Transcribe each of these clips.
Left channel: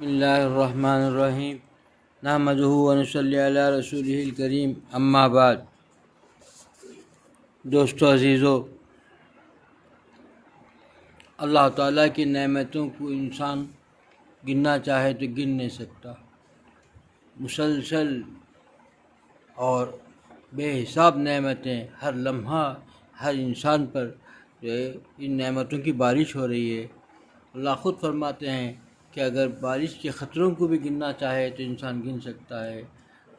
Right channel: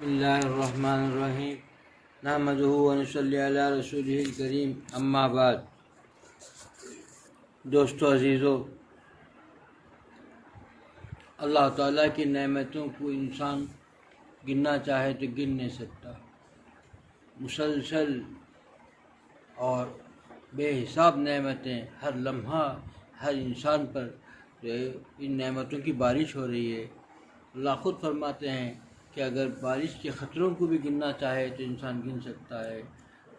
بسم اللہ الرحمن الرحیم نحمدہ ونصلی علی رسولہ الکریم اما بعد۔ دوستو عزیزو، اللہ تعالیٰ کی نعمتوں کو انسان گننا چاہے تو گن نہیں سکتا۔ مسلسل اور بے حساب نعمتیں ہر لمحہ ہر انسان پر ان نعمتوں کی بارش ہو رہی ہے۔ اللہ خود فرماتے ہیں کہ اگر بارش کے خطروں کو بھی گننا چاہے تو انسان گن سکتا ہے،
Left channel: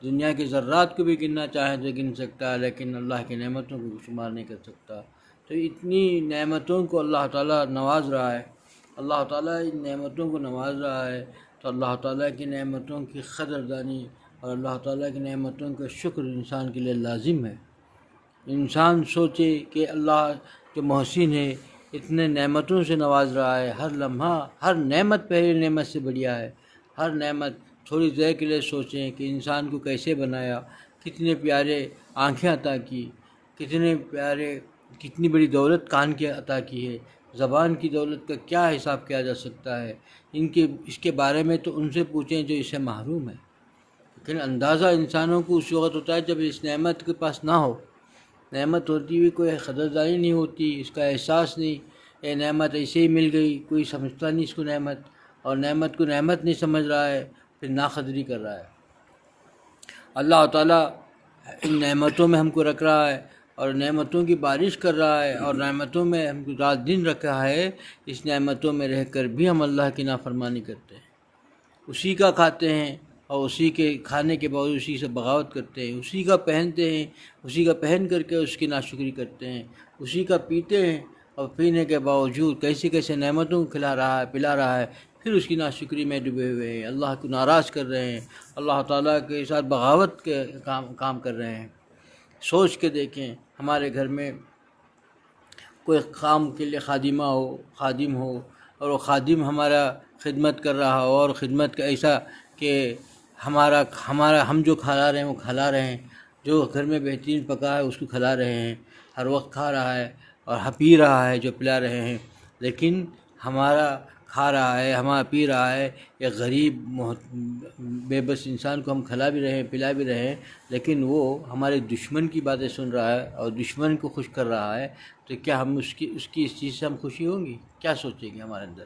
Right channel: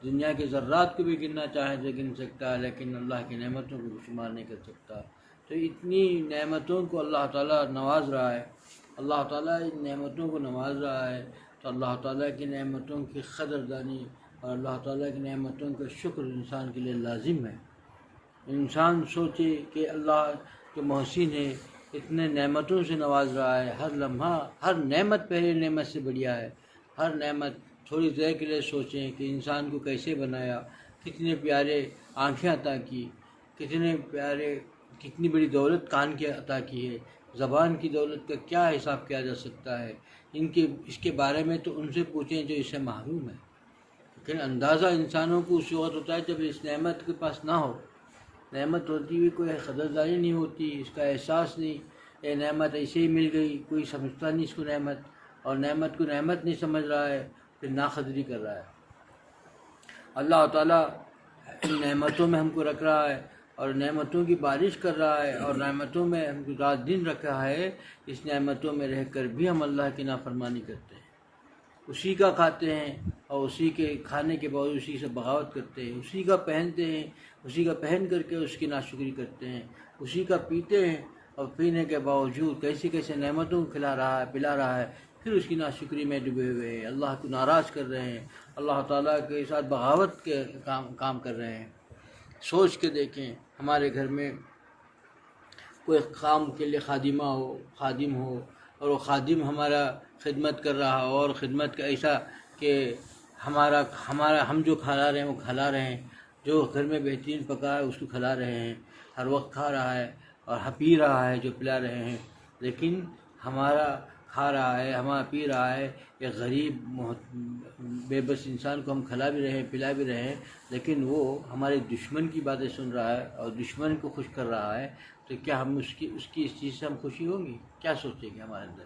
دنیا کے ذرات کو بھی گننا چاہے تو گن سکتا ہے، لیکن اللہ کی نعمتوں کو شمار نہیں کر سکتا۔ تو اتنی نعمتوں کو اللہ تعالیٰ نواز رہا ہے، اللہ تعالیٰ ان نعمتوں کو نواز رہا ہے، تو اللہ تعالیٰ کی نعمتوں کی قدردانی اور اللہ تعالیٰ کی نعمتوں کا شکر انسان کے لیے لازم ہے۔ انسان سوچے کہ اللہ کے محسن ہے، اتنے نعمتوں سے نواز رہا ہے، ہر لمحہ ہر نعمت پہلی نعمت سے بڑھیا ہے۔ ہر نعمت تھوڑی دیر کے لیے سوچیں کہ انسان کو کیسے بنایا، کتنے پیارے آنکھیں عطا کی، کتنی بڑی دولت کان کی عطا کی ہے۔ زبان کی دولت کا کیا حساب کیا جا سکتا ہے؟ اس کے بارے میں تو ان سے پوچھیں جو اسے محروم ہے۔ لیکن اندازہ انسانوں کو اس وقت ہوتا ہے جب اس نعمت کے پاس نہ ہو، نعمت ہوتی ہوئی کوئی قدردانی نہیں ہوتی، اس کا احساس نہیں، یہ نعمت ایسے ہی مل گئی، کوئی سمجھتا نہیں اس کو نعمت، اور نعمت کو نعمت نہیں سمجھ رہا ہے، پھر ناقدری کر رہا ہے۔ اللہ تعالیٰ ان نعمتوں میں ہم کو رکھ رہا ہے اور نعمتوں کی بارش کر رہا ہے، اور نعمتوں میں ہم کو رات دن رکھا ہے۔ اس نعمتوں میں رہ کر بھی ہم اللہ کی نافرمانی کرتے ہیں، اسی کا کھاتے ہیں اور اسی کے کھانے کے باوجود اسی سے بغاوت کرتے ہیں، اسی کا پہنتے ہیں، اسی کا پہن کر کے اس کی ناشکری کرتے ہیں، اسی کا پیتے ہیں اور پینے کے باوجود کیسے نعمتوں کو کھلا رہا ہے، پلا رہا ہے، پھر اس کی ناشکری میں ڈوبے ہوئے ہیں، اللہ کو ناراض کر رہے ہیں، اللہ تعالیٰ کے ساتھ بغاوت کے کام کر رہے ہیں۔ سوچ کے دیکھیں، ہمارے گھر میں کوئی کام کے لیے خادم ہو اور وہ خادم ہمارا خدمت کر رہا ہو، اور خدمت کا ایسا کہ ہم جو کھلا رہے ہیں وہ کھلا رہے ہیں، جو گھر میں بہترین پکا ہے اس کو کھلا رہے ہیں، ہر وقت کھا رہا ہے اور پی رہا ہے جو پلا رہے ہیں، لیکن ہمارا کھا رہا ہے، ہمارا پی رہا ہے، ایک غریب بے بس انسان کو ہم کھلا بھی رہے ہیں، پلا بھی رہے ہیں، لیکن وہ ہمارے دشمن کی باتیں سن رہا ہے اور دشمن کو خوش کر رہا ہے، تو کیا ہم اس کی اس چیز سے ہم خوشی ہوں گی؟ کیا سوچیں گے ہمارے اندر؟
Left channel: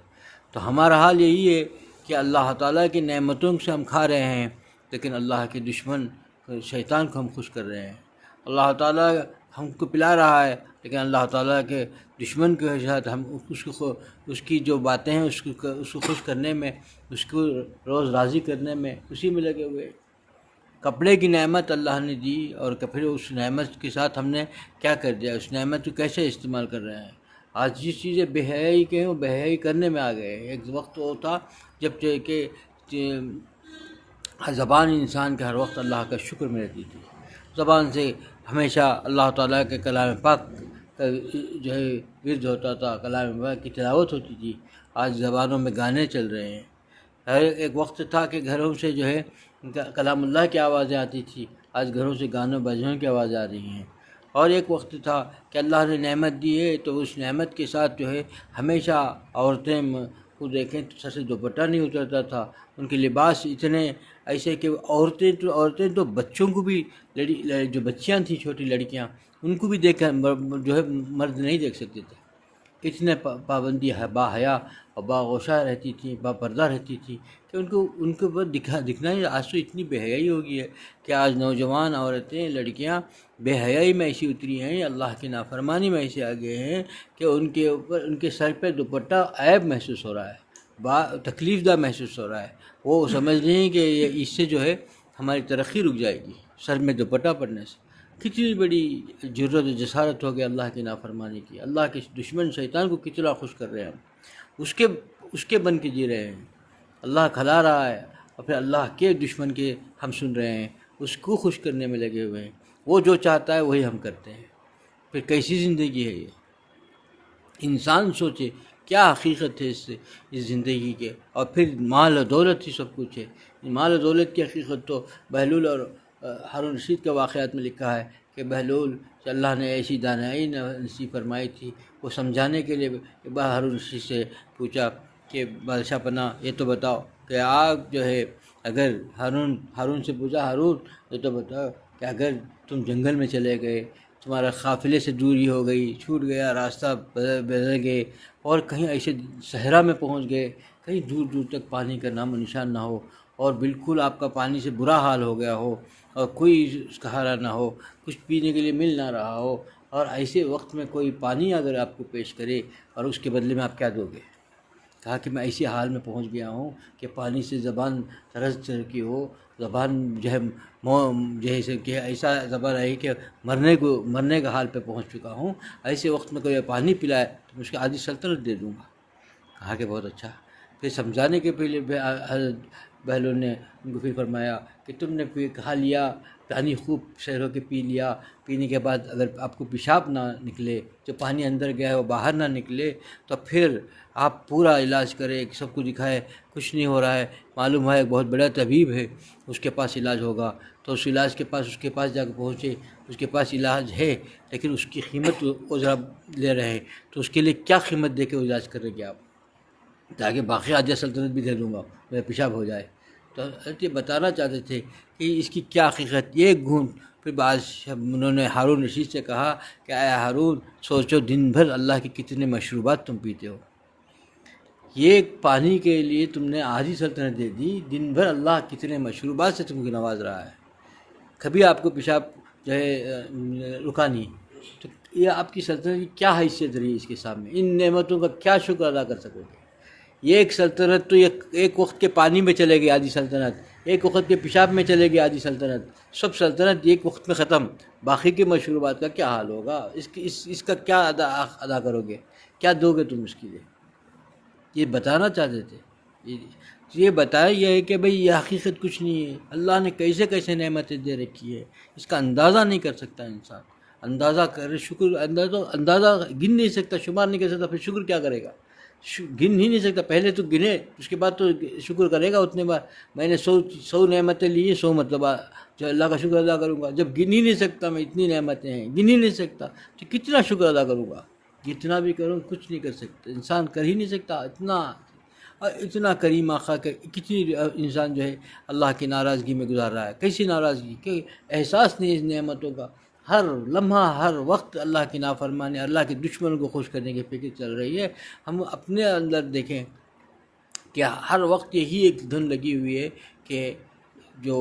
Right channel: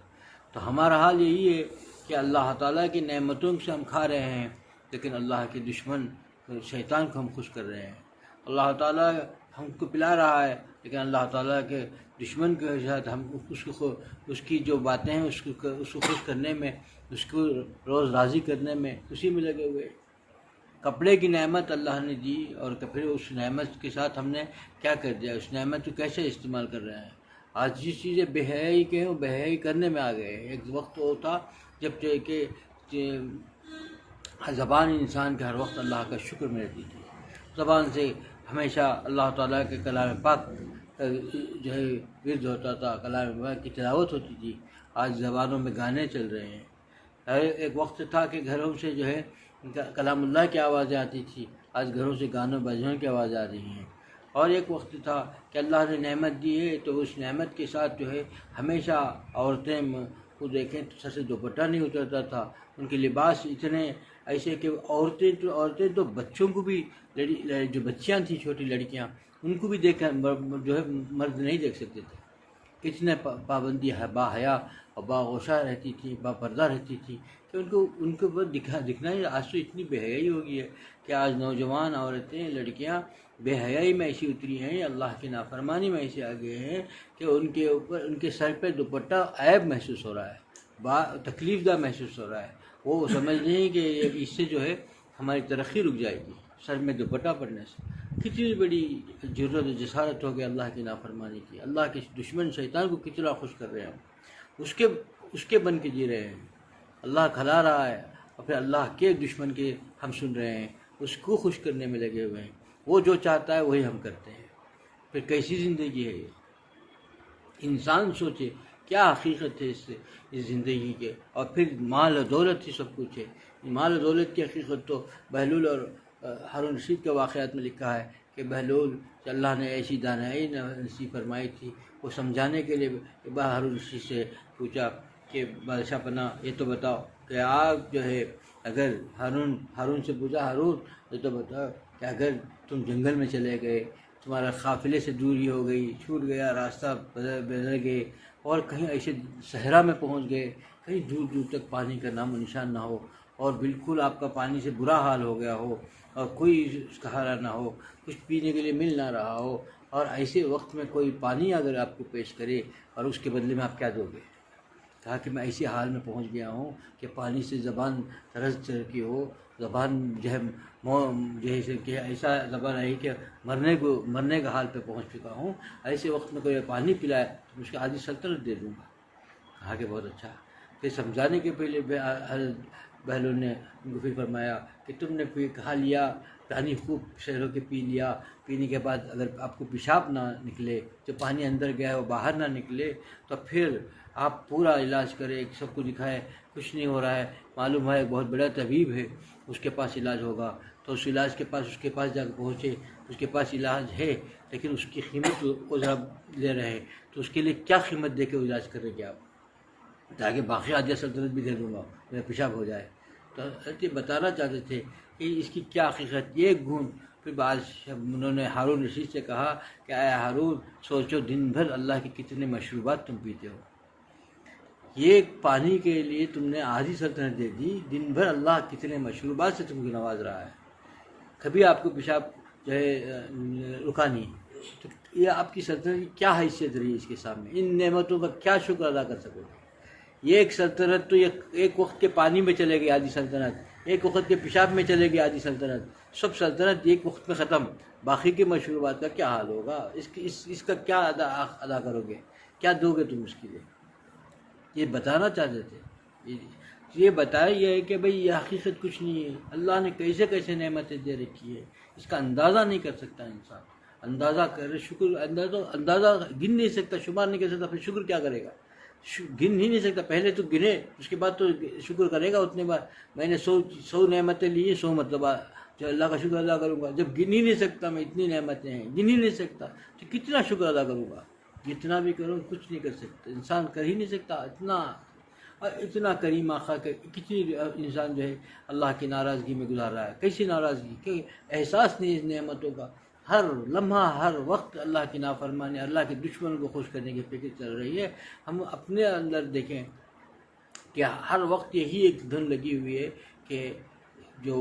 تو ہمارا حال یہی ہے کہ اللہ تعالیٰ کی نعمتوں سے ہم کھا رہے ہیں، لیکن اللہ کے دشمن شیطان کو ہم خوش کر رہے ہیں۔ اللہ تعالیٰ ہم کو پلا رہا ہے، لیکن اللہ تعالیٰ کے دشمن کے ساتھ ہم اس کی جو باتیں ہیں اس کو خوش کرنے میں، اس کو روز راضی کرنے میں اسی میں لگے ہوئے۔ کپڑے کی نعمت اللہ نے دی، اور پھر اس نعمت کے ساتھ ہم نے کیا کر دیا، اس نعمت کو کیسے استعمال کر رہے ہیں۔ آج جس چیزیں بے حیائی کے ہیں وہ بے حیائی کرنے میں آ گئے ہیں۔ ایک وقت ہوتا جب کہ زبان انسان کے ہر وقت اللہ کا شکر میں رہتی تھی، زبان سے ہمیشہ اللہ تعالیٰ کے کلام پاک کا جو ہے ورد ہوتا تھا، کلام پاک کی تلاوت ہوتی تھی۔ آج زبانوں میں گانے چل رہے ہیں۔ ایک وقت تھا کہ گھروں سے جو ہے کلام اللہ کی آوازیں آتی تھی، آج گھروں سے گانوں بجنوں کی آوازیں آ رہی ہیں۔ اور ایک وقت تھا کہ اللہ نے نعمت دی ہے تو اس نعمت کے ساتھ جو ہے ہمیشہ عورتیں کو دیکھیں تو سر سے دوپٹہ نہیں اترتا تھا، ان کے لباس اتنے ایسے کہ عورتیں تو بچوں کو بھی، جو بچیاں تھیں چھوٹی لڑکیاں، ان کو بھی دیکھ کر جو ہے مرد نہیں دیکھ سکتے تھے۔ اتنے پابندی با حیا اور باغوشہ رہتی تھی، با پردہ رہتی تھی کہ ان کو بس دکھنا ہی۔ آج تو اتنی بے حیائی ہو گئی ہے کہ آج نوجوان عورتیں، لڑکیاں بے حیائی میں ایسی اتری ہیں، اللہ کی نافرمانی میں ایسے آگے ہیں کہ ان کے اوپر، ان کے سر پہ دوپٹہ عیب محسوس ہو رہا ہے، تکلیف دہ محسوس ہو رہا ہے۔ وہ سمجھ رہے ہیں کہ اس سے جو ہے ہماری ترقی رک جائے گی، سر میں دوپٹہ پڑنے سے۔ کتنی بڑی جرت و جسارت ہو گئی اللہ کی نافرمانی کی، اللہ کے دشمن شیطان کو کتنا خوش کر رہے ہیں ہم، اس کے بن کے جی رہے ہیں۔ اللہ کھلا رہا ہے اور پھر اللہ کے دشمن کے ہم سن رہے ہیں، اس کو خوش کرنے میں لگے ہوئے ہیں۔ وہ جو چاہتا ہے وہی ہم کرتے ہیں، پھر کیسی زندگی ہے یہ؟ انسان سوچے کیا حقیقت ہے اس زندگی کے، اور پھر مال و دولت ہی سب کچھ ہے۔ مال و دولت کی حقیقت تو بہلول اور ہارون رشید کے واقعات میں لکھا ہے کہ بہلول سے اللہ نے ایسی دانائی نصیب فرمائی تھی، وہ سمجھانے کے لیے ہارون رشید سے پوچھا کہ بادشاہ پناہ یہ تو بتاؤ کہ آپ جو ہے اگر ہارون سے پوچھا، ہارون یہ تو بتاؤ کہ اگر تم جنگل میں چلے گئے، تمہارا قافلے سے دوری ہو گئی، چھوٹ گیا، راستہ بدل گئے، اور کہیں ایسے صحرا میں پہنچ گئے، کہیں دور دور تک پانی کا نام و نشان نہ ہو، اور بالکل آپ کا پانی سے برا حال ہو گیا ہو، اور کوئی سہارا نہ ہو، کچھ پینے کے لیے مل نہ رہا ہو، اور ایسے وقت میں کوئی پانی اگر آپ کو پیش کرے اور اس کے بدلے میں آپ کیا دو گے؟ کہا کہ میں ایسی حال میں پہنچ گیا ہوں کہ پانی سے زبان ترس چکی ہو، زبان جو ہے جیسے کہ ایسا زبان ہے کہ مرنے کا حال پہ پہنچ چکا ہوں، ایسے وقت میں کوئی پانی پلائے تو میں اس کو آدھی سلطنت دے دوں گا۔ کہا کہ بہت اچھا۔ پھر سمجھانے کے پہلے حضرت بہلول نے ان کو پھر فرمایا کہ تم نے پھر کھا لیا، پانی خوب شہروں کے پی لیا، پینے کے بعد اگر آپ کو پیشاب نہ نکلے، جو پانی اندر گیا ہے وہ باہر نہ نکلے، تو پھر آپ پورا علاج کرے، سب کو دکھائے، کچھ نہیں ہو رہا ہے، معلوم ہے ایک بہت بڑا طبیب ہے، اس کے پاس علاج ہوگا، تو اس علاج کے پاس اس کے پاس جا کے پہنچے، اس کے پاس علاج ہے لیکن اس کی قیمت وہ ذرا لے رہے ہیں، تو اس کے لیے کیا قیمت دے کے علاج کریں گے آپ؟ تاکہ باقی عالیہ سلطنت بھی دے دوں گا، میرا پیشاب ہو جائے۔ تو یہ بتانا چاہتے تھے کہ اس کی کیا حقیقت، یہ گھوم پھر انہوں نے ہارون رشید سے کہا کہ اے ہارون، سوچو دن بھر اللہ کے کتنے مشروبات تم پیتے ہو، یہ پانی کے لیے تم نے آدھی سلطنت دے دی، دن بھر اللہ کتنے مشروبات سے تم کو نواز رہا ہے، کبھی آپ کو پیشاب جو ہے رکا نہیں، تو یہ آپ کی سلطنت کی کیا حیثیت رہی اس کے سامنے؟ ان نعمتوں کا کیا شکر ادا کر سکو گے؟ یہ ایک سلطنت تو ایک وقت کے پانی میں چلے گی آدھی سلطنت، ایک وقت کے پیشاب میں چلے گی آدھی سلطنت، سب سلطنت ایک وقت میں ختم، باقی کے مشروبات کا کیا حال ہوگا؟ اس کا کیا ادا کرو گے؟ کیا دو گے تم اس کے لیے؟ یہ بتانا چاہتے تھے، یہ بتایا یہ ہے کہ بھئی یہ حقیقت کچھ نہیں ہے، اللہ نے کیسے کیسے نعمتیں دے رکھی ہے، اس کا اندازہ نہیں کر سکتا انسان، اندازہ کرے شکر، اندازہ گن نہیں سکتا، شمار نہیں کر سکتا، پھر شکر کیا کرے گا؟ گن ہی نہیں سکتا، پہلے تو گنے اس کے بعد تو شکر کرے گا اتنے بار، میں نے 100 نعمتیں لی ہیں، 100 مطلب جو اللہ کا شکر ادا کروں گا، جب گن ہی نہیں سکتا میں اتنی نعمتیں ہیں، گن ہی نہیں سکتا تو کتنا شکر ادا کروں گا؟ جتنا بھی کروں کچھ نہیں کر سکتا، انسان کر ہی نہیں سکتا اتنا کریم آقا کہ کتنی انسان جو ہے اللہ کی ناراضگی میں گزار رہا ہے، کیسی ناراضگی کہ احساس نہیں اس نعمتوں کا، ہر لمحہ ہر وقت اللہ کی نافرمانی، اللہ کے دشمنوں کو خوش کرنے کی فکر چل رہی ہے۔ ہم اپنے اندر دیکھیں کہ ہر وقت یہی ایک دھن لگی ہوئی ہے کہ جو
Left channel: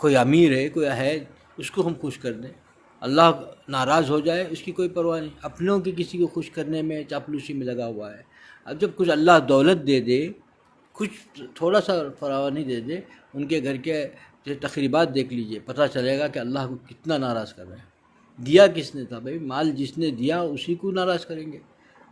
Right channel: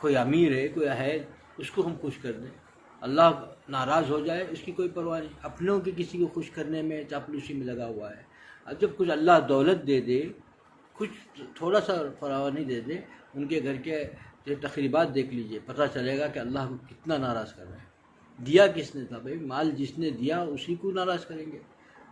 کوئی امیر ہے، کوئی ہے، اس کو ہم خوش کر دیں، اللہ ناراض ہو جائے اس کی کوئی پرواہ نہیں، اپنوں کے کسی کو خوش کرنے میں چاپلوسی میں لگا ہوا ہے۔ اب جب کچھ اللہ دولت دے دے، کچھ تھوڑا سا فراوانی دے دے، ان کے گھر کے جو تقریبات دیکھ لیجئے، پتہ چلے گا کہ اللہ کو کتنا ناراض کر رہے ہیں۔ دیا کس نے تھا بھائی؟ مال جس نے دیا اسی کو ناراض کریں گے،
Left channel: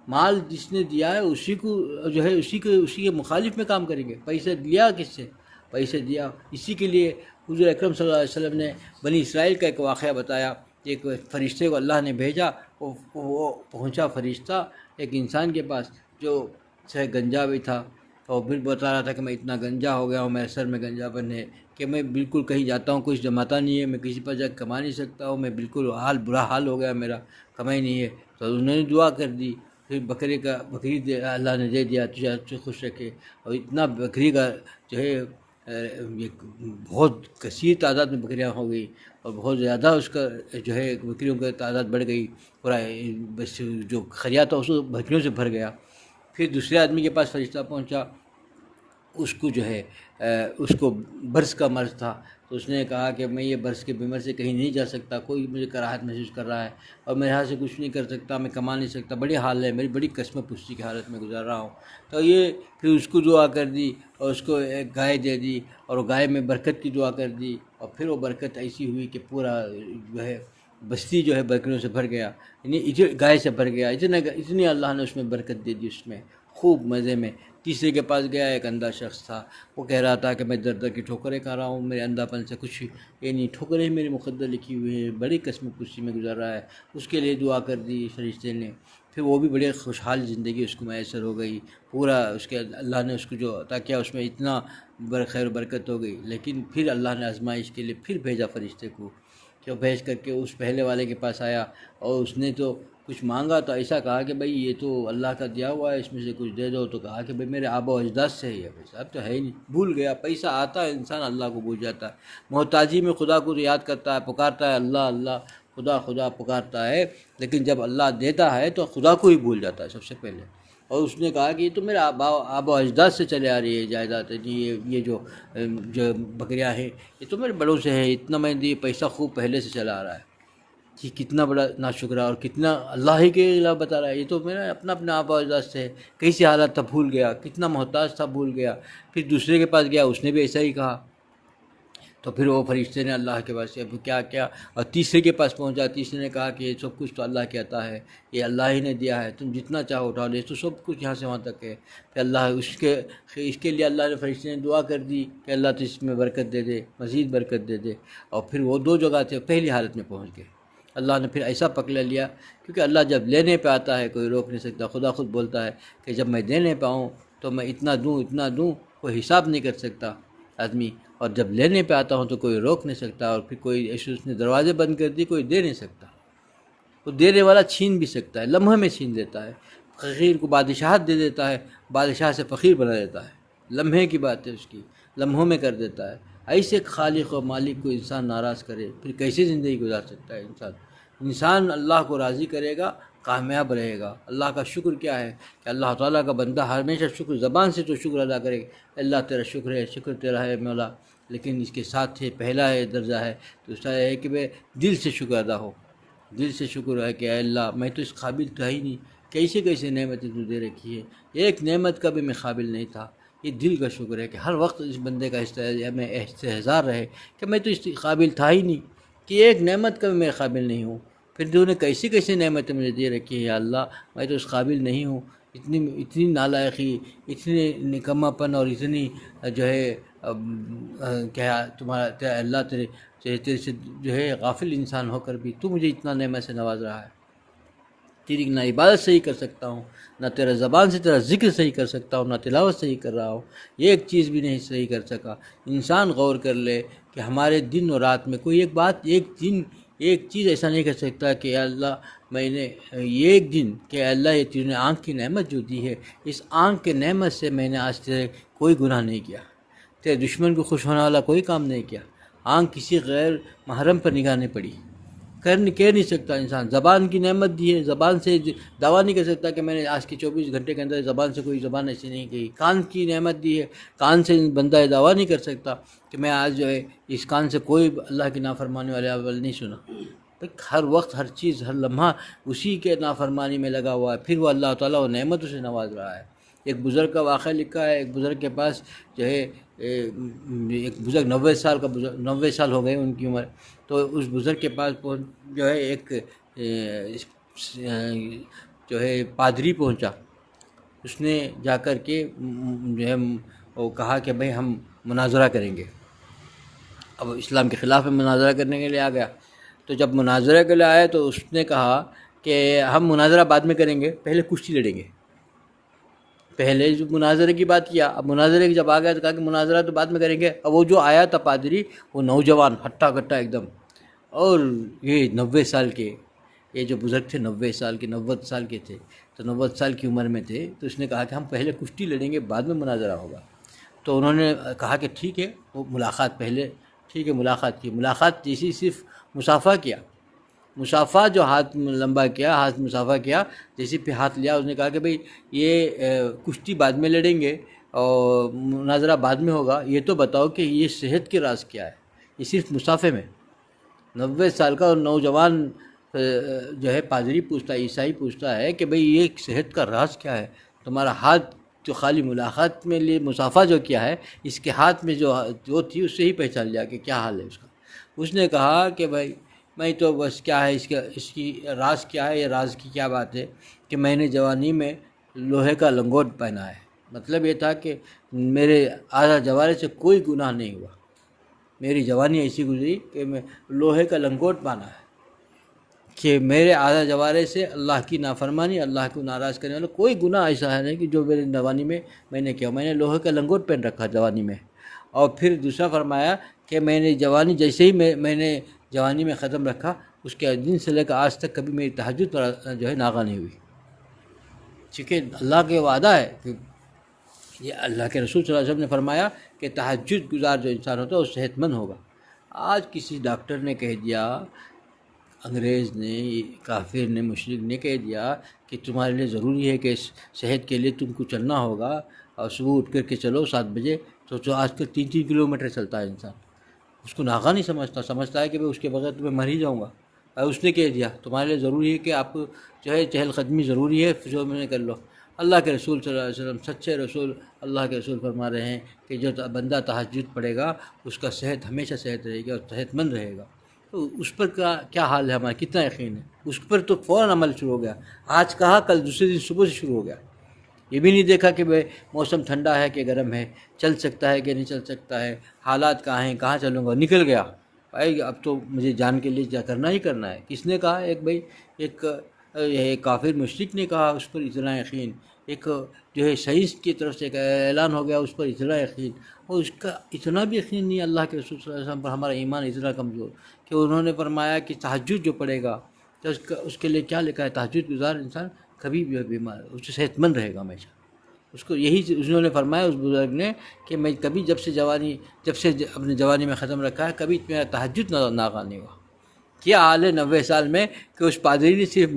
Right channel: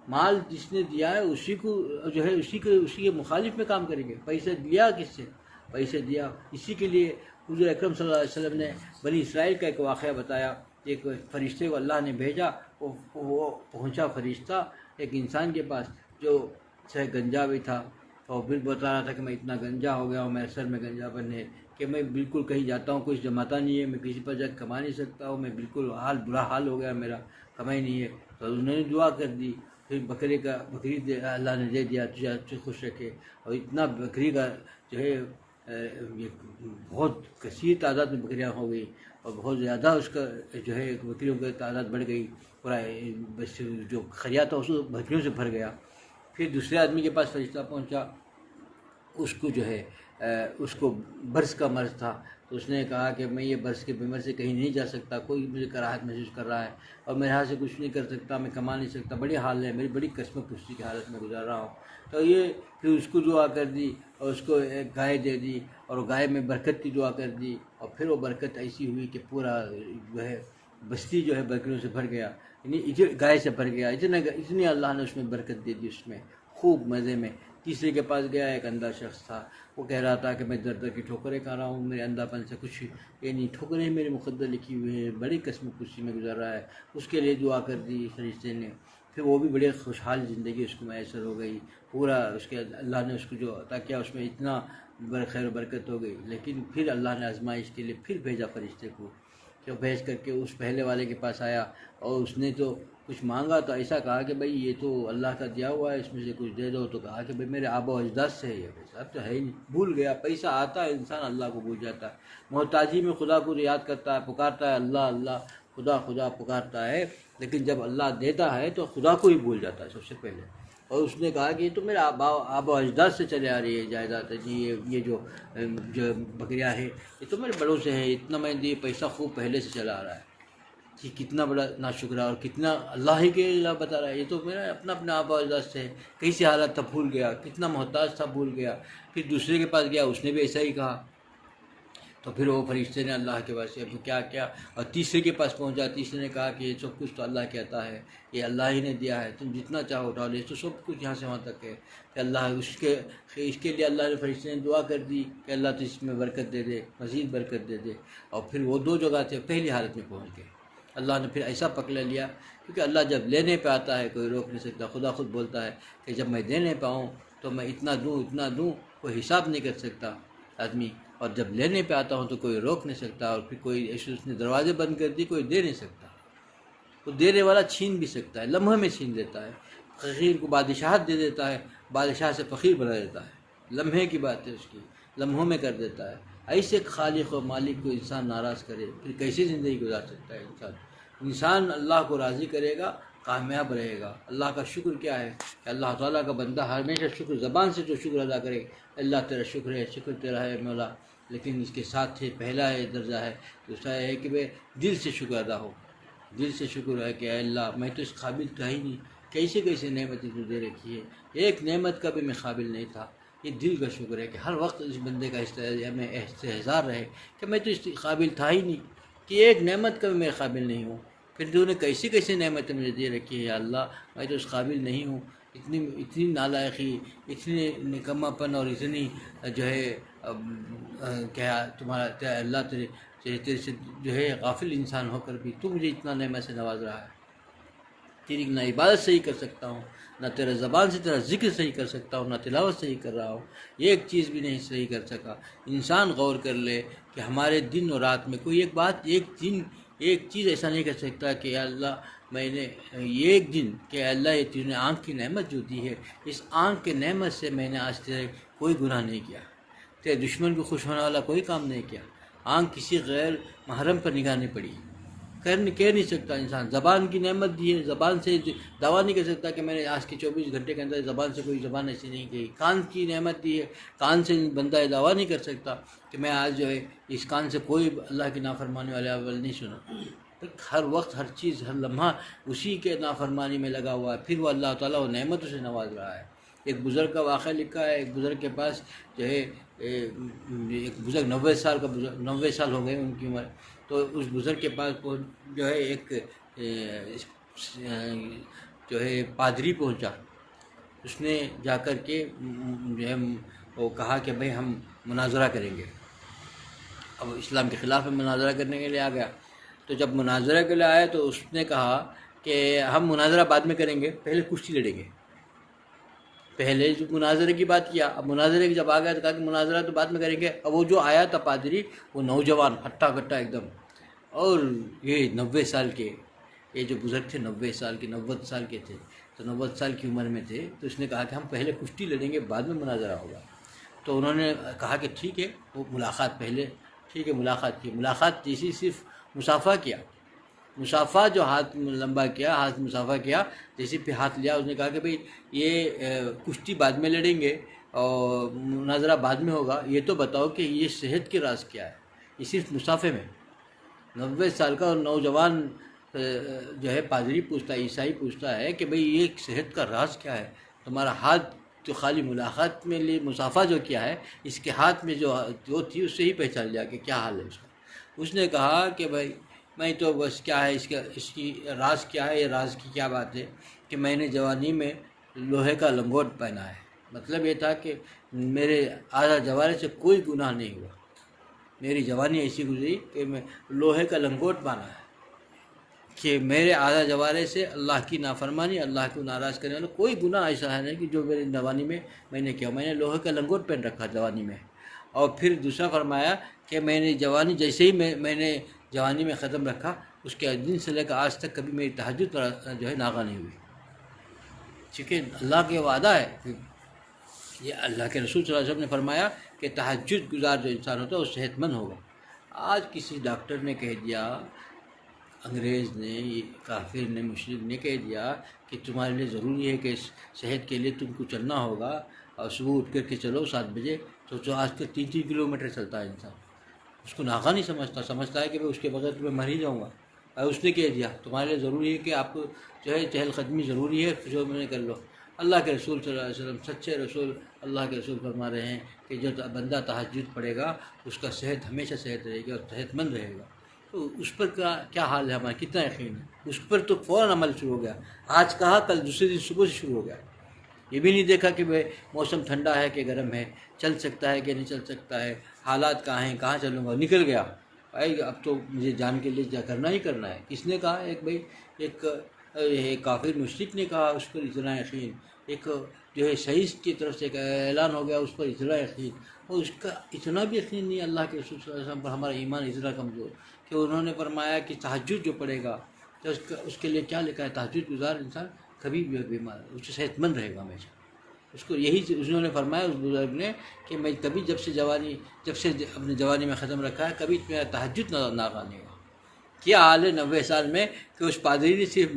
مال جس نے دیا ہے اسی کو جو ہے اسی کے مخالف میں کام کریں گے۔ پیسے دیا کس سے؟ پیسے دیا اسی کے لیے حضور اکرم صلی اللہ علیہ وسلم نے بنی اسرائیل کا ایک واقعہ بتایا، ایک فرشتے کو اللہ نے بھیجا، وہ پہنچا فرشتہ ایک انسان کے پاس جو سے گنجا بھی تھا، اور پھر بتا رہا تھا کہ میں اتنا گنجا ہو گیا ہوں، میرے سر میں گنجا بن ہے کہ میں بالکل کہیں جاتا ہوں کچھ جماتا نہیں ہے، میں کسی پر جا کے کما نہیں سکتا ہوں، میں بالکل برا حال ہو گیا میرا، کمائی نہیں ہے۔ تو انہوں نے دعا کر دی، پھر بکری اللہ نے دے دیا، تجھے خوش رکھے، اور اتنا بکری کا جو ہے بہت کثیر تعداد میں بکریاں ہو گئی، اور بہت زیادہ اس کا جو ہے بکریوں کا تعداد بڑھ گئی، پورا بس جو خریا تھا اس کو بکریوں سے بھر گیا۔ پھر دوسرے آدمی کے پاس فرشتہ پہنچا، اس کو جو ہے اس کو برس کا مرض تھا، تو اس نے کہا کہ میں یہ برس کے بیمار سے کہیں نہیں جا سکتا، کوئی مجھے کراہت محسوس کر رہا ہے، اور میں یہاں سے کچھ نہیں کر سکتا، میں کما نہیں سکتا، بڑی حال ہے میری، بڑی قسم پشتی کی حالت میں گزار رہا ہوں۔ تو یہ پھر اس کو دعا کر دی، اور اس کو ایک گائے دے دی، اور گائے میں برکت کی دعا کر دی، اور پھر وہ برکت ایسی ہوئی کہ پورا جو ہے بستی جو ہے بکریوں سے بھر گیا، یعنی گائے سے بھر گیا، اتنی اللہ نے اس میں برکت دے دی، اس میں خوب مزے میں۔ تیسرے کے پاس گیا، ایک اندھا شخص تھا، وہ کہہ رہا تھا کہ میں در در کی ٹھوکریں کھا رہا ہوں، میرے اندھا پن سے کچھ یہ نہیں، ٹھوکریں میرے مقدر لکھی ہوئی ہیں، بڑی قسم کشی میں گزر رہا ہے، اس کے لیے دعا کر دی فرشتے نے۔ پھر وہ بھی بڑے خوشحال زندگی اس کو میسر ہو گئی، پورا اس کے اللہ نے اس کو جو عطا کیا اس میں اتنا خیر و برکت ہو گئی۔ لیکن پھر اللہ نے آزمائش کے لیے پھر بھیجا فرشتے کو، کہ وہ بھیج کر کے اس پہلے والے کے پاس آیا اور اس نے تو کچھ مانگا تو ایسا کہا کہ بھائی یہ تو اللہ کا دیا ہوا ہے، اس میں سے کچھ دے دو، تو کہا کہ بھائی میرے آبا و اجداد سے ہے، پیسہ اب تو ہے ہی نہیں، بھول گیا۔ پیسہ آتا ہے انسان اللہ کو بھول جاتا ہے، محتاجی میں خدا کو یاد کرتا ہے، پکارتا ہے اللہ اللہ، خدا خدا پکارتا ہے، لیکن جب اللہ دیتا ہے تو خدا کو ہی بھول جاتا ہے سب سے پہلے۔ اور اس نے کہا کہ یہ تو میرے آبا و اجداد سے چلے آ رہی ہے جائیداد ہے جی، یہ جو بکریاں ہیں یہ تو میرے بڑوں سے ہے، اتنا میں یہ پیسہ خوب پہلے سے چلا آ رہا ہے۔ کہ کتنا بڑا ناشکرہ اور کتنا اللہ ہی کے علاوہ بتا رہا ہے، یہ تو میرا اپنا آبا و اجداد سے ہے، کیسی حالت تھا بھول گیا، کتنا محتاج تھا بھول گیا۔ پھر دوسرے کے پاس گیا، اس نے بھی ایسا ہی کہا، تو پھر وہ فرشتے نے اللہ کے پاس کیا کیا، اور تیسرے کے پاس پہنچا، تیسرے نے کہا کہ یہ سب کچھ تو اللہ کے عطا ہے، یہ اللہ ہی نے دیا ہے، تم جتنا چاہو اٹھا لے، تو سب کچھ یہاں سے وہاں تک ہے۔ کہ اللہ اس کے لیے اللہ نے فرشتے نے دعا کر دی کہ اللہ تو اس میں برکت دے دے، مزید برکت دے دے، اور پھر وہ دو جگہ تھے پہلی حالت میں پہنچ گئے۔ اللہ نے پھر ایسا پکڑ لیا، کیونکہ اللہ جب لینے پہ آتا ہے کوئی روک نہیں سکتا۔ خدا خود بولتا ہے کہ جب میں دینے پہ آؤں تو میں اتنا دوں، کوئی حساب نہیں کر سکتا آدمی، اور جب لینے پہ آتا ہوں تو کوئی روک نہیں سکتا، اور پھر کوئی ایسے اس نے دروازے بند کر دی، کوئی دے نہیں سکتا۔ وہ دینے والا چھین بھی سکتا ہے، لمحے میں چھین دیتا ہے، فقیر کو بادشاہت دے دیتا ہے، بادشاہ سے فقیر بنا دیتا ہے، لمحے کی بات ہے اس کی، لمحوں میں کر دیتا ہے۔ ایسے خالق و مالک کو انسان ناراض کرے پھر کیسے زندگی گزار سکتا ہے انسان اللہ کو راضی کرے گا کامیاب رہے گا۔ اللہ کا شکر کیا ہے کہ اللہ تعالیٰ کا بندہ ہمیشہ شکر، زبان سے تو شکر ادا کرے، اللہ تیرا شکر ہے، شکر تیرا ہے مولا، لیکن اس کے ساتھ پہلا درجہ ہے دوسرا ہے کہ وہ دل سے شکر ادا ہو، دل سے شکر ہے کہ اے اللہ میں تو اس قابل تھا ہی نہیں، کیسے نعمتیں تو دے رکھی ہے، ایک نعمت کا بھی میں قابل نہیں تھا۔ یہ دل کا شکر ہے کہ ہر وقت اس بندے کا ہمیں استحضار رہے کہ میں تو اس قابل تھا ہی نہیں، کہ ایک نعمت کا بھی میں قابل نہیں ہوں، پھر تو نے کیسی نعمتیں مجھے دے رکھی ہے یا اللہ، میں تو اس قابل نہیں ہوں، اتنی نالائقی، اتنی نکما پن، اور اتنی جو ہے کیا تیرا اللہ تیرے سے جو ہے غافل انسان ہو کر بھی تو مجھے اتنا نعمت سے نواز رہا ہے۔ تیری نہ عبادت صحیح کر سکتا ہوں، نہ تیرا زبان سے تیرا ذکر صحیح کر سکتا ہوں، نہ تلاوت صحیح کر رہا ہوں، ایک چیز بھی نہیں صحیح کر سکا۔ انسان غور کر لے کہ ہمارے دن اور رات میں کوئی ایک چیز ایسا نہیں کر سکتا کہ یا اللہ میں نے ایک دن کہ اللہ یہ تیرے نے آنکھ کی نعمت جو دی ہے، اس آنکھ کے نعمت سے میں نے آج تیرے کوئی گناہ نہیں کیا، تیرے دشمن کو خوش ہونے والا کوئی کام نہیں کیا، آنکھ کسی غیر محرم پر نگاہ نہیں پڑی، کہہ نہیں سکتا انسان۔ زبان کی نعمت دی ہے، زبان سے دعویٰ نہیں کر سکتا کہ میں نے آج کے 24 گھنٹے کے اندر زبان سے کوئی زبان ایسی نہیں کہی۔ کان کی نعمت دی ہے، کان سے بندہ دعویٰ نہیں کر سکتا کہ میں آج جو ہے اس کان سے کوئی اللہ کی نافرمانی والے عمل نہیں سنا۔ ہر وقت ہر چیز ہر لمحہ اسی کے نافرمانی میں لگا ہوا ہے، پھر وہ اللہ تعالیٰ وہ نعمتوں سے نواز رہا ہے۔ ایک بزرگ کا واقعہ لکھا ہے، ایک بزرگ کے پاس جو ہے ایک بزرگ 90 سال ہو گئے ان کی عمر، تو اس بزرگ کے پاس جو ہے ایک جو ہے پادری پہنچا، اس نے جا کر کے جو ہے وہ کہا کہ بھئی ہم مناظرہ کریں گے، اب اسلام کے خلاف میں مناظرہ کرنے کے لیے آ گیا۔ تو جب مناظرہ کے لیے آیا تو اس نے کہا کہ ہم مناظرہ بعد میں کریں گے، پہلے کشتی لڑیں گے۔ پہلے جو مناظرے کی بات کیا، اب مناظرے کی جب آ گیا تو کہا کہ مناظرہ تو بعد میں کریں گے۔ اب وہ جو آیا تھا پادری، وہ نوجوان ہٹا کٹا ایک دم، اور یہ 90 سال کے، یہ جو بزرگ تھے 90 سال کے 90 سال کے تھے، تو 90 سال کی عمر میں تھے، تو اس نے کہا کہ ہم پہلے کشتی لڑیں گے بعد میں مناظرہ ہوگا۔ تو انہوں نے کہا کہ ٹھیک ہے، وہ ملاقات پہلے ٹھیک ہے، ملاقات کی، ملاقات جیسی صرف مصافحہ کیا، مصافحہ جو ہاتھ لمبا کیا، ہاتھ مصافحہ کیا، جیسے پہ ہاتھ لیا، اس نے کہا کہ بھئی یہ کشتی بعد میں لڑیں گے اور مناظرہ بعد میں ہوگا، یہ تو بتاؤ کہ یہ صحت کے راز کیا ہے۔ یہ صرف مصافحے میں 90 سال کا اور نوجوان جو ہے پادری پوچھتا ہے، عیسائی پوچھتا ہے کہ بھئی یہ صحت کا راز کیا ہے، تمہارا ہاتھ جو خالی ملاقات میں لیے مصافحہ جو کیا ہے، اس کے ہاتھ میں جو تھی اس سے ہی پہچان لیا کہ کیا حال ہے اس کا۔ اس نے کہا کہ بھائی میں تو بس کیا ہے اس کی راز کیا ہے، یہ راز کی کیا بات ہے کہ میں نے جوانی میں لوہے کا لنگوٹ پہنا ہے، مطلب یہ تھا کہ میرے آدھا جوارے سے کوئی گناہ نہیں ہوا، میری جوانی ایسی گزری کہ میں لوہے کا لنگوٹ پہنا ہے، کہ میرے آدھا جوارے سے اللہ کی نافرمانی، اللہ کو ناراض کرنے والا کوئی گناہ ایسا ہے نہیں کہ جو میرے جوانی میں نے کیا، میں نے لوہے کا لنگوٹ پہن رکھا جوانی میں۔ اور پھر دوسرا فرمایا کہ میں نے جوانی جیسے ہی میں نے جوانی میں ختم رکھا، اس کے دن سے لے کر آج تک کبھی میری تہجد جو ہے ناغہ نہیں ہوئی، چونکہ اللہ کے وعدہ ہے کہ یہ اللہ کے رسول صلی اللہ علیہ وسلم نے فرمایا کہ تہجد گزار جو انسان ہوتا ہے وہ صحت مند ہوگا۔ آج کسی ڈاکٹر نے کہہ دیا، انگریز نے، کافر نے، مشرک نے کہہ دیا کہ تمہارے لیے ضروری ہے کہ صحت کے لیے تم کو چلنا ہوگا، اور صبح اٹھ کر کے چلو 7 بجے، تو جو آج تک 3 کلومیٹر چلتا ہے انسان، اس کو ناغہ نہیں سمجھتا ہے کہ میں اس کے بغیر میں مر ہی جاؤں گا۔ اور اس نے کہہ دیا تمہارے لیے ضروری ہے کہ آپ کو جو ہے چہل قدمی ضروری ہے، جو میں نے کر لو۔ اللہ کے رسول صلی اللہ علیہ وسلم، سچے رسول اللہ کے رسول فرما رہے ہیں کہ جو بندہ تہجد پڑھے گا اس کا صحت ہمیشہ صحت رہے گی اور صحت مند رہے گا۔ تو اس پر کیا حال ہے ہمارا، کتنا یقین ہے اس پر؟ تو فوراً عمل شروع ہو گیا، آج کہا کل دوسرے دن صبح سے شروع ہو گیا۔ یہ بھی نہیں دیکھا کہ بھائی موسم ٹھنڈا ہے کہ گرم ہے، چل سکتا ہے کہ نہیں چل سکتا ہے، حالات کہاں ہیں، کہاں چلوں گا، نکل گیا بھائی اب تو مجھے جان کے لیے کرنا ہی کرنا ہے۔ کس نے کہا؟ ایک کافر مشرک نے کہا، اس پر اتنا یقین۔ ایک جو ہے سائنس کی طرف سے ایک اعلان ہو گیا، اس پر اتنا یقین، اور اس کا اتنا بھی یقین نہیں اللہ کے رسول صلی اللہ علیہ وسلم پر۔ ہمارا ایمان اتنا کمزور کہ انہوں نے فرمایا کہ تہجد جو پڑھے گا تو اس کے لیے کیا لکھا ہے، تہجد گزار انسان کبھی بھی بیمار، اس سے صحت مند رہے گا ہمیشہ۔ اس کو یہی انہوں نے فرمایا اس بزرگ نے کہ میں کبھی جب سے اپنے جوانی میں ختم رکھا ہے، کبھی میرا تہجد ناغہ نہیں ہوا۔ کیا حال ہے 90 سال میں کہ اس پادری نے صرف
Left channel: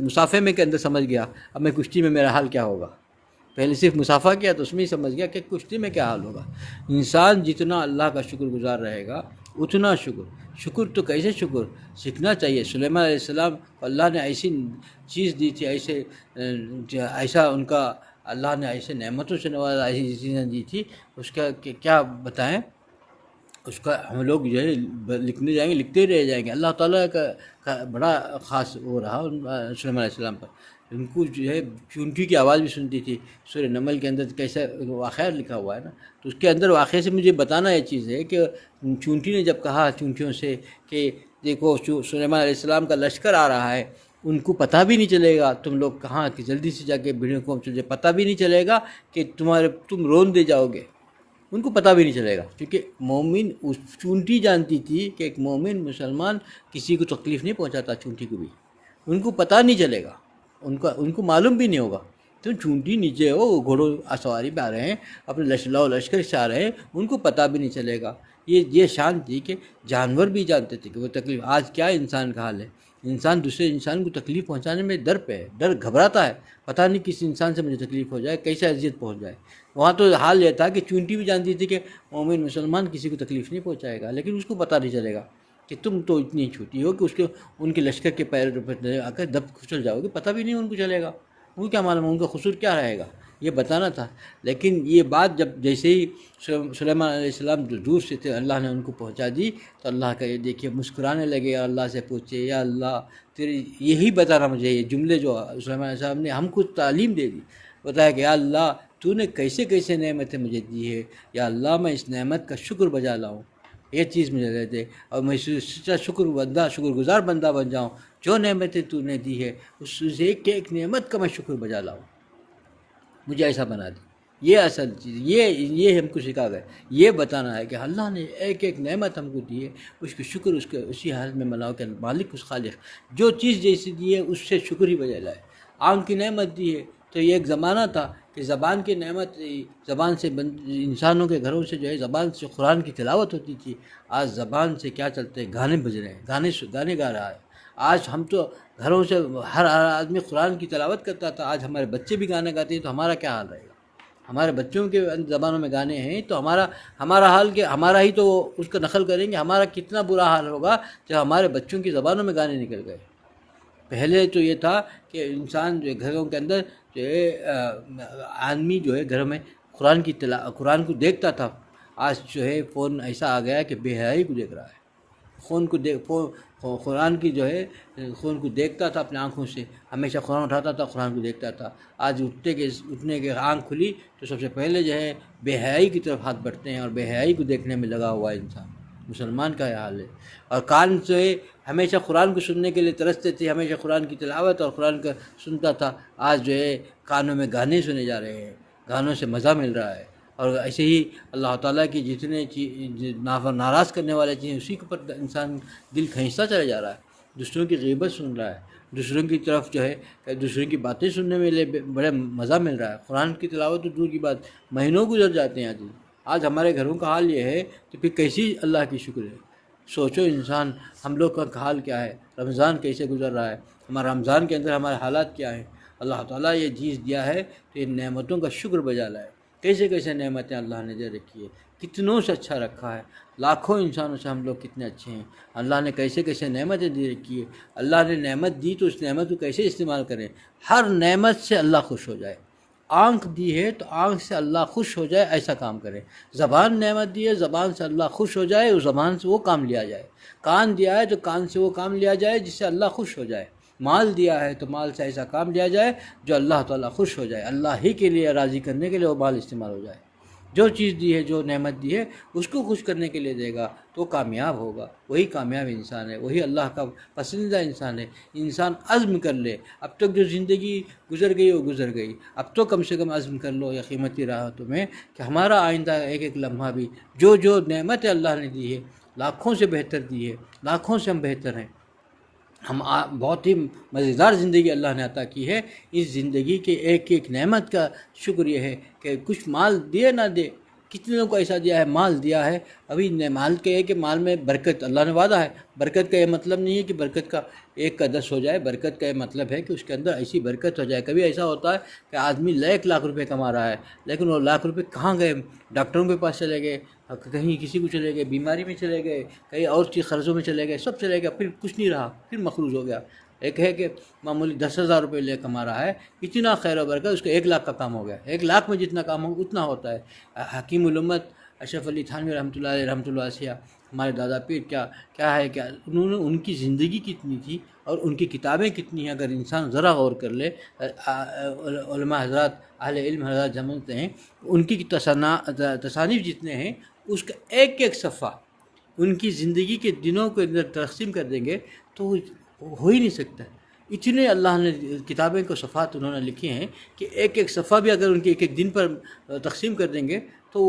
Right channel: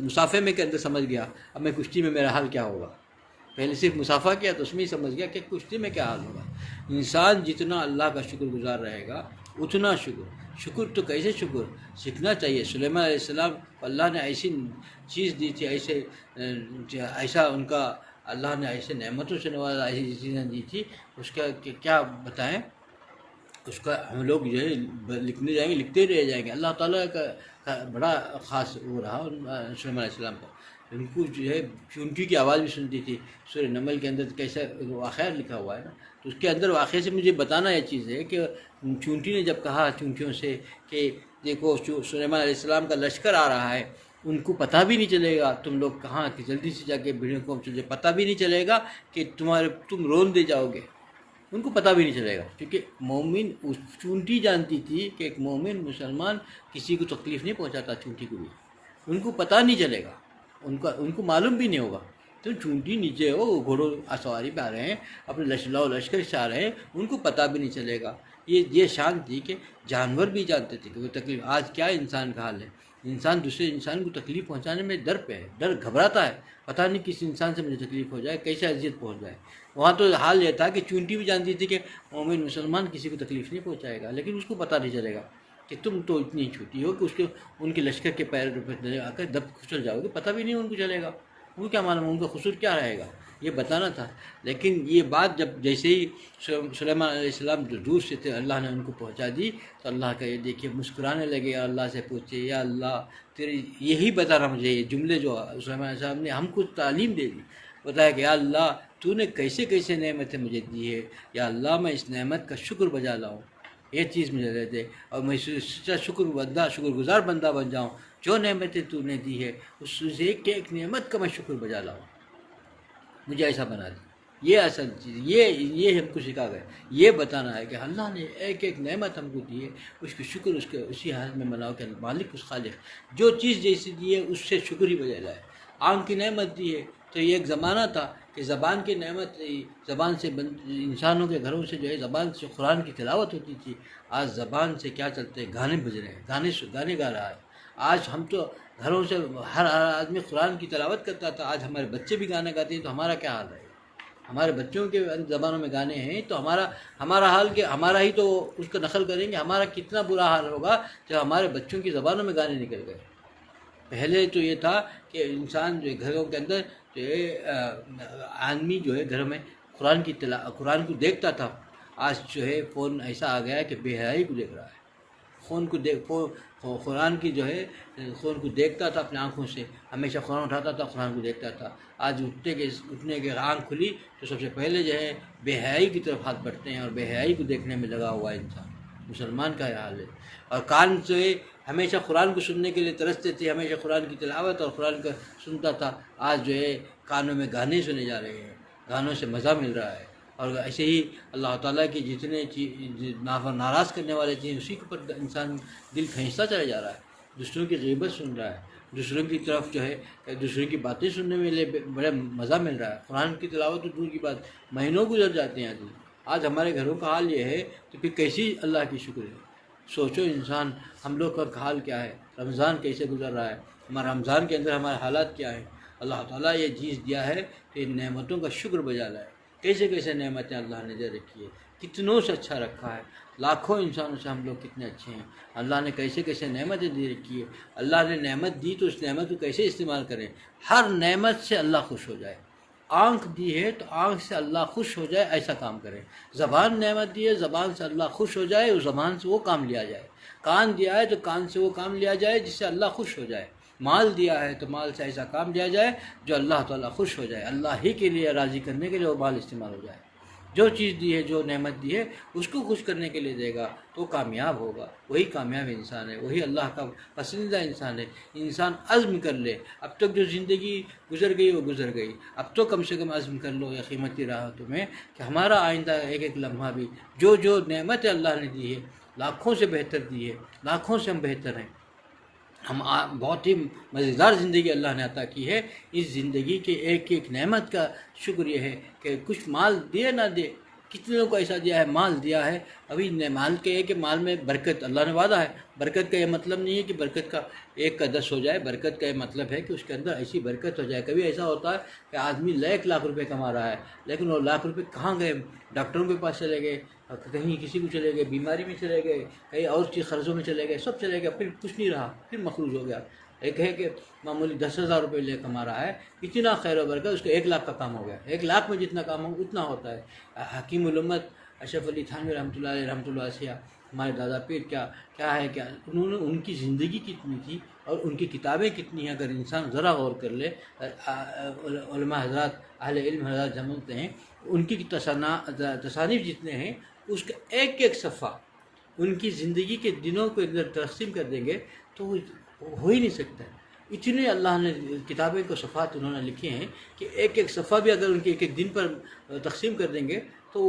مسافے میں کے اندر سمجھ گیا اب میں کشتی میں میرا حال کیا ہوگا۔ پہلے صرف مسافہ کیا تو اس میں ہی سمجھ گیا کہ کشتی میں کیا حال ہوگا۔ انسان جتنا اللہ کا شکر گزار رہے گا اتنا شکر تو کیسے شکر سیکھنا چاہیے۔ سلیمان علیہ السلام اللہ نے ایسی چیز دی تھی، ایسا ان کا اللہ نے ایسے نعمتوں سے نوازا، ایسی چیزیں دی تھی، اس کا کیا بتائیں۔ اس کا ہم لوگ جو ہے لکھنے جائیں گے، لکھتے رہ جائیں گے۔ اللہ تعالیٰ کا بڑا خاص وہ رہا سلیمان علیہ السلام پر۔ ان کو جو ہے چونٹی کی آواز بھی سنتی تھی۔ سورہ نمل کے اندر کیسا واقعہ لکھا ہوا ہے نا، تو اس کے اندر واقعے سے مجھے بتانا یہ چیز ہے کہ چونٹی نے جب کہا چونٹیوں سے کہ دیکھو سلیمان علیہ السلام کا لشکر آ رہا ہے، ان کو پتہ بھی نہیں چلے گا تم لوگ کہاں کہ جلدی سے جا کے بھیڑوں کو پتہ بھی نہیں چلے گا کہ تم رون دے جاؤ گے، ان کو پتہ بھی نہیں چلے گا، کیونکہ مومن اس چونٹی جانتی تھی کہ ایک مومن مسلمان کسی کو تکلیف نہیں پہنچاتا، چونٹی کو بھی ان کو پتہ نہیں چلے گا، ان کو معلوم بھی نہیں ہوگا۔ تو چونٹی نیچے ہو، وہ گھوڑوں سواری پہ آ رہے ہیں، اپنے لشکر سے آ رہے ہیں، ان کو پتہ بھی نہیں چلے گا۔ یہ شان تھی کہ جانور بھی جانتے تھے کہ وہ تکلیف۔ آج کیا انسان کا حال ہے، انسان دوسرے انسان کو تکلیف پہنچانے میں ڈر پہ ہے، گھبراتا ہے، پتہ نہیں کس انسان سے مجھے تکلیف ہو جائے، کیسے اذیت پہنچ جائے۔ وہاں تو حال یہ تھا کہ چونٹی بھی جانتی تھی کہ مومن مسلمان کسی کو تکلیف نہیں پہنچائے گا، لیکن اس کو پتہ نہیں چلے گا کہ تم تو اتنی چھوٹی ہو کہ ان کے لشکر کے پیر پہ آ کر دب کھسل جاؤ گے، پتہ بھی نہیں ان کو چلے گا، ان کو کیا معلوم ان کا قصور کیا رہے گا، یہ بتانا تھا۔ لیکن یہ بات جب جیسے ہی سلیمان علیہ السلام جو دور سے تھے اللہ نے ان کو پہنچا دی، تو اللہ کا یہ دیکھیے مسکرانے لگے، اللہ سے پوچھے یا اللہ تیری یہی بتانا مجھے، یہ جملے جو سلیمان علیہ السلام نے ہم کو تعلیم دے دی، بتایا کہ یا اللہ تو نے کیسے کیسے نعمتیں مجھے دی ہے، یا اللہ میں اس نعمت کا شکر بجا لاؤں، یہ چیز مجھے دے دے، اور میں سچا شکر گزار بندہ بن جاؤں، جو نعمتیں تو نے دی ہے اس سے ایک نعمت کا میں شکر بجا لاؤں، مجھے ایسا بنا دی۔ یہ اصل چیز یہ ہم کو سکھا گئے، یہ بتانا ہے کہ اللہ نے ایک نعمت ہم کو دی ہے، اس کی شکر اسی حالت میں مناؤ کہ مالک اس خالق جو چیز جیسی دی ہے اس سے شکر ہی بجا لائے۔ آنکھ کی نعمت دی ہے، تو یہ ایک زمانہ تھا کہ زبان کی نعمت، زبان سے انسانوں کے گھروں سے جو ہے زبان سے قرآن کی تلاوت ہوتی تھی، آج زبان سے کیا چلتے ہیں، گانے بج رہے ہیں، گانے گا رہا ہے۔ آج ہم تو گھروں سے ہر آدمی قرآن کی تلاوت کرتا تھا، آج ہمارے بچے بھی گانے گاتے ہیں، تو ہمارا کیا حال رہے گا؟ ہمارے بچوں کے زبانوں میں گانے ہیں تو ہمارا حال کہ ہمارا ہی تو اس کا نقل کریں گے، ہمارا کتنا برا حال ہوگا جب ہمارے بچوں کی زبانوں میں گانے نکل گئے۔ پہلے تو یہ تھا کہ انسان جو ہے گھروں کے اندر جو ہے آدمی جو ہے گھر میں قرآن کو دیکھتا تھا، آج جو ہے فون ایسا آ گیا ہے کہ بے حیائی کو دیکھ رہا ہے، قرآن کی جو ہے فون کو دیکھتا تھا اپنے آنکھوں سے، ہمیشہ قرآن اٹھاتا تھا، قرآن کو دیکھتا تھا، آج اٹھنے کے آنکھ کھلی تو سب سے پہلے جو ہے بے حیائی کی طرف ہاتھ بڑھتے ہیں اور بے حیائی کو دیکھنے میں لگا ہوا ہے انسان۔ مسلمان کا یہ حال ہے۔ اور کان جو ہے ہمیشہ قرآن کو سننے کے لیے ترستے تھے، ہمیشہ قرآن کی تلاوت اور قرآن کا سنتا تھا، آج جو ہے کانوں میں گانے سنے جا رہے ہیں، گانوں سے مزہ مل رہا ہے، اور ایسے ہی اللہ تعالیٰ کی جتنے ناراض کرنے والے چیزیں اسی کے اوپر انسان دل کھینچتا چلا جا رہا ہے، دوسروں کی غیبت سن رہا ہے، دوسروں کی طرف جو ہے دوسروں کی باتیں سننے میں بڑا مزہ مل رہا ہے۔ قرآن کی تلاوت تو دور کی بات، مہینوں گزر جاتے ہیں آج ہمارے گھروں کا حال یہ ہے تو پھر کیسی اللہ کی شکر ہے۔ سوچو انسان ہم لوگ کا حال کیا ہے، رمضان کیسے گزر رہا ہے، ہمارا رمضان کے اندر ہمارے حالات کیا ہیں۔ اللہ تعالیٰ یہ چیز دیا ہے کہ ان نعمتوں کا شکر بجا لائے۔ کیسے کیسے نعمتیں اللہ نے دے رکھی ہے، کتنوں سے اچھا رکھا ہے، لاکھوں انسانوں سے ہم لوگ کتنے اچھے ہیں۔ اللہ نے کیسے کیسے نعمتیں دے رکھی ہے، اللہ نے نعمت دی تو اس نعمت کو کیسے استعمال کریں۔ ہر نعمت سے اللہ خوش ہو جائے۔ آنکھ دی ہے تو آنکھ سے اللہ خوش ہو جائے، ایسا کام کریں۔ زبان نعمت دی ہے، زبان سے اللہ خوش ہو جائے، اس زبان سے وہ کام لیا جائے۔ کان دیا ہے تو کان سے وہ کام لیا جائے جس سے اللہ خوش ہو جائے۔ مال دیا ہے تو مال سے ایسا کام لیا جائے جو اللہ تعالیٰ خوش ہو جائے، اللہ ہی کے لیے راضی کرنے کے لیے وہ مال استعمال ہو جائے۔ جو چیز دی ہے، جو نعمت دی ہے، اس کو خوش کرنے کے لیے دے گا تو کامیاب ہوگا، وہی کامیاب انسان ہے، وہی اللہ کا پسندیدہ انسان ہے۔ انسان عزم کر لے، اب تک جو زندگی گزر گئی وہ گزر گئی، اب تو کم سے کم عزم کر لو یا قیمتی راحتوں میں کہ ہمارا آئندہ ایک ایک لمحہ بھی جو نعمت اللہ نے دی ہے، لاکھوں سے بہتر دی ہے، لاکھوں سے ہم بہتر ہیں۔ ہم بہت ہی مزیدار زندگی اللہ نے عطا کی ہے۔ اس زندگی کے ایک ایک نعمت کا شکر یہ ہے کہ کچھ مال دے نہ دے، کتنے لوگوں کو ایسا دیا ہے، مال دیا ہے۔ ابھی مال کے ہے کہ مال میں برکت اللہ نے وعدہ ہے۔ برکت کا یہ مطلب نہیں ہے کہ برکت کا 1 کا 10 ہو جائے، برکت کا یہ مطلب ہے کہ اس کے اندر ایسی برکت ہو جائے۔ کبھی ایسا ہوتا ہے کہ آدمی لاکھ روپے کما رہا ہے، لیکن وہ لاکھ روپے کہاں گئے؟ ڈاکٹروں کے پاس چلے گئے، کہیں کسی کو چلے گئے، بیماری میں چلے گئے، کہیں اور چیز قرضوں میں چلے گئے، سب چلے گئے، پھر کچھ نہیں رہا، پھر مخروج ہو گیا۔ ایک ہے کہ معمولی 10,000 روپے لے کما رہا ہے، اتنا خیر و برکت، اس کو 1 لاکھ کا کام ہو گیا۔ 1 لاکھ میں جتنا کام ہو اتنا ہوتا ہے۔ حکیم الامت اشرف علی تھانوی رحمۃ اللہ علیہ رحمۃ اللہ علیہ، ہمارے دادا پیر کیا ہے، کیا انہوں نے، ان کی زندگی کتنی تھی اور ان کی کتابیں کتنی ہیں، اگر انسان ذرا غور کر لے۔ علماء حضرات، اہل علم حضرات سمجھتے ہیں ان کی تصانیف جتنے ہیں، اس کا ایک ایک صفحہ ان کی زندگی کے دنوں کو اندر تقسیم کر دیں گے تو ہو ہی نہیں سکتا۔ اتنے اللہ نے کتابیں کو صفحات انہوں نے لکھی ہیں کہ ایک ایک صفحہ بھی اگر ان کے ایک ایک دن پر تقسیم کر دیں گے تو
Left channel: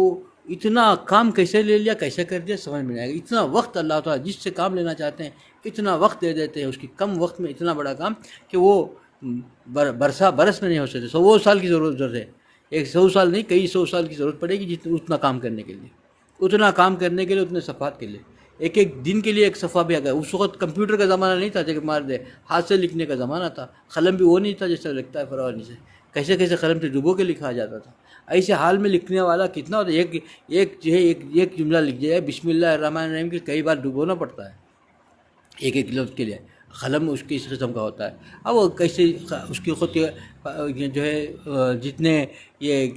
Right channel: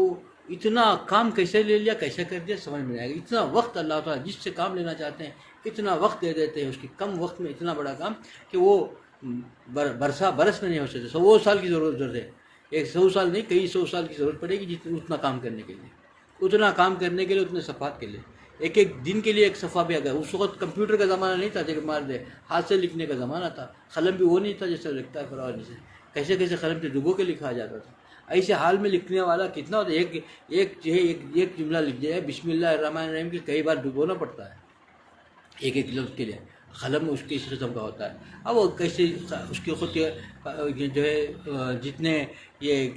اتنا کام کیسے لے لیا، کیسے کر دیا، سمجھ میں آئے گا۔ اتنا وقت اللہ تعالیٰ جس سے کام لینا چاہتے ہیں اتنا وقت دے دیتے ہیں، اس کی کم وقت میں اتنا بڑا کام کہ وہ برس میں نہیں ہو سکتے۔ 100 سال کی ضرورت ہے، 100 سال نہیں، کئی 100 سال کی ضرورت پڑے گی اتنا کام کرنے کے لیے، اتنا کام کرنے کے لیے، اتنے صفحات کے لیے۔ ایک ایک دن کے لیے ایک صفحہ بھی اگر، اس وقت کمپیوٹر کا زمانہ نہیں تھا کہ مار دے، ہاتھ سے لکھنے کا زمانہ تھا، قلم بھی وہ نہیں تھا جیسے لکھتا ہے فراوانی سے، کیسے کیسے قلم سے ڈبو کے لکھا جاتا تھا۔ ایسے حال میں لکھنے والا کتنا ہوتا ہے، ایک جملہ لکھ جائے بسم اللہ الرحمن الرحیم کے کئی بار ڈبونا پڑتا ہے ایک ایک لفظ کے لیے۔ قلم اس کے اس قسم کا ہوتا ہے۔ اب وہ کیسے اس کی خود جو ہے جتنے یہ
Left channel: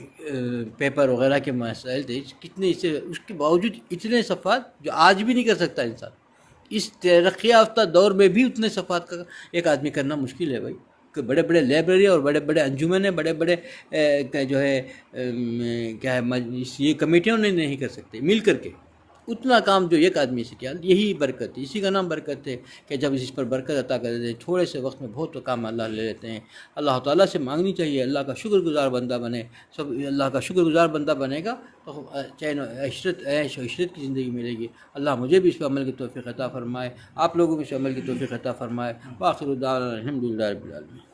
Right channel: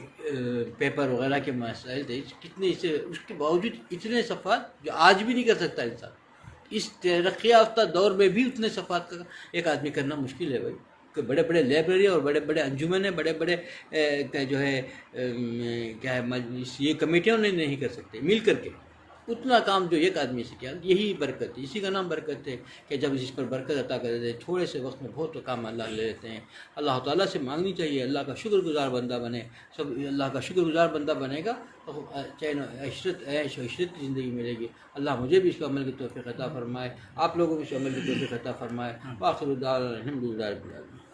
پیپر وغیرہ کے مسائل تھے، کتنے اس کے باوجود اتنے صفحات جو آج بھی نہیں کر سکتا انسان، اس ترقی یافتہ دور میں بھی اتنے صفحات کا ایک آدمی کرنا مشکل ہے بھائی۔ کہ بڑے بڑے لائبریری اور بڑے بڑے انجمن ہیں، بڑے بڑے جو ہے کیا ہے یہ کمیٹیوں نہیں کر سکتے مل کر کے اتنا کام جو ایک آدمی سے کیا۔ یہی برکت ہے، اسی کا نام برکت ہے کہ جب اس پر برکت عطا کر دیتے ہیں، تھوڑے سے وقت میں بہت کام اللہ لے لیتے ہیں۔ اللہ تعالیٰ سے مانگنی چاہیے، اللہ کا شکر گزار بندہ بنے۔ سب اللہ کا شکر گزار بندہ بنے گا تو چین عیش و عشرت کی زندگی ملے گی۔ اللہ مجھے بھی اس پر عمل کی توفیق عطا فرمائے، آپ لوگوں کو اس پر عمل کی توفیق عطا فرمائے۔ وآخر دعوانا الحمد للہ رب العالمین۔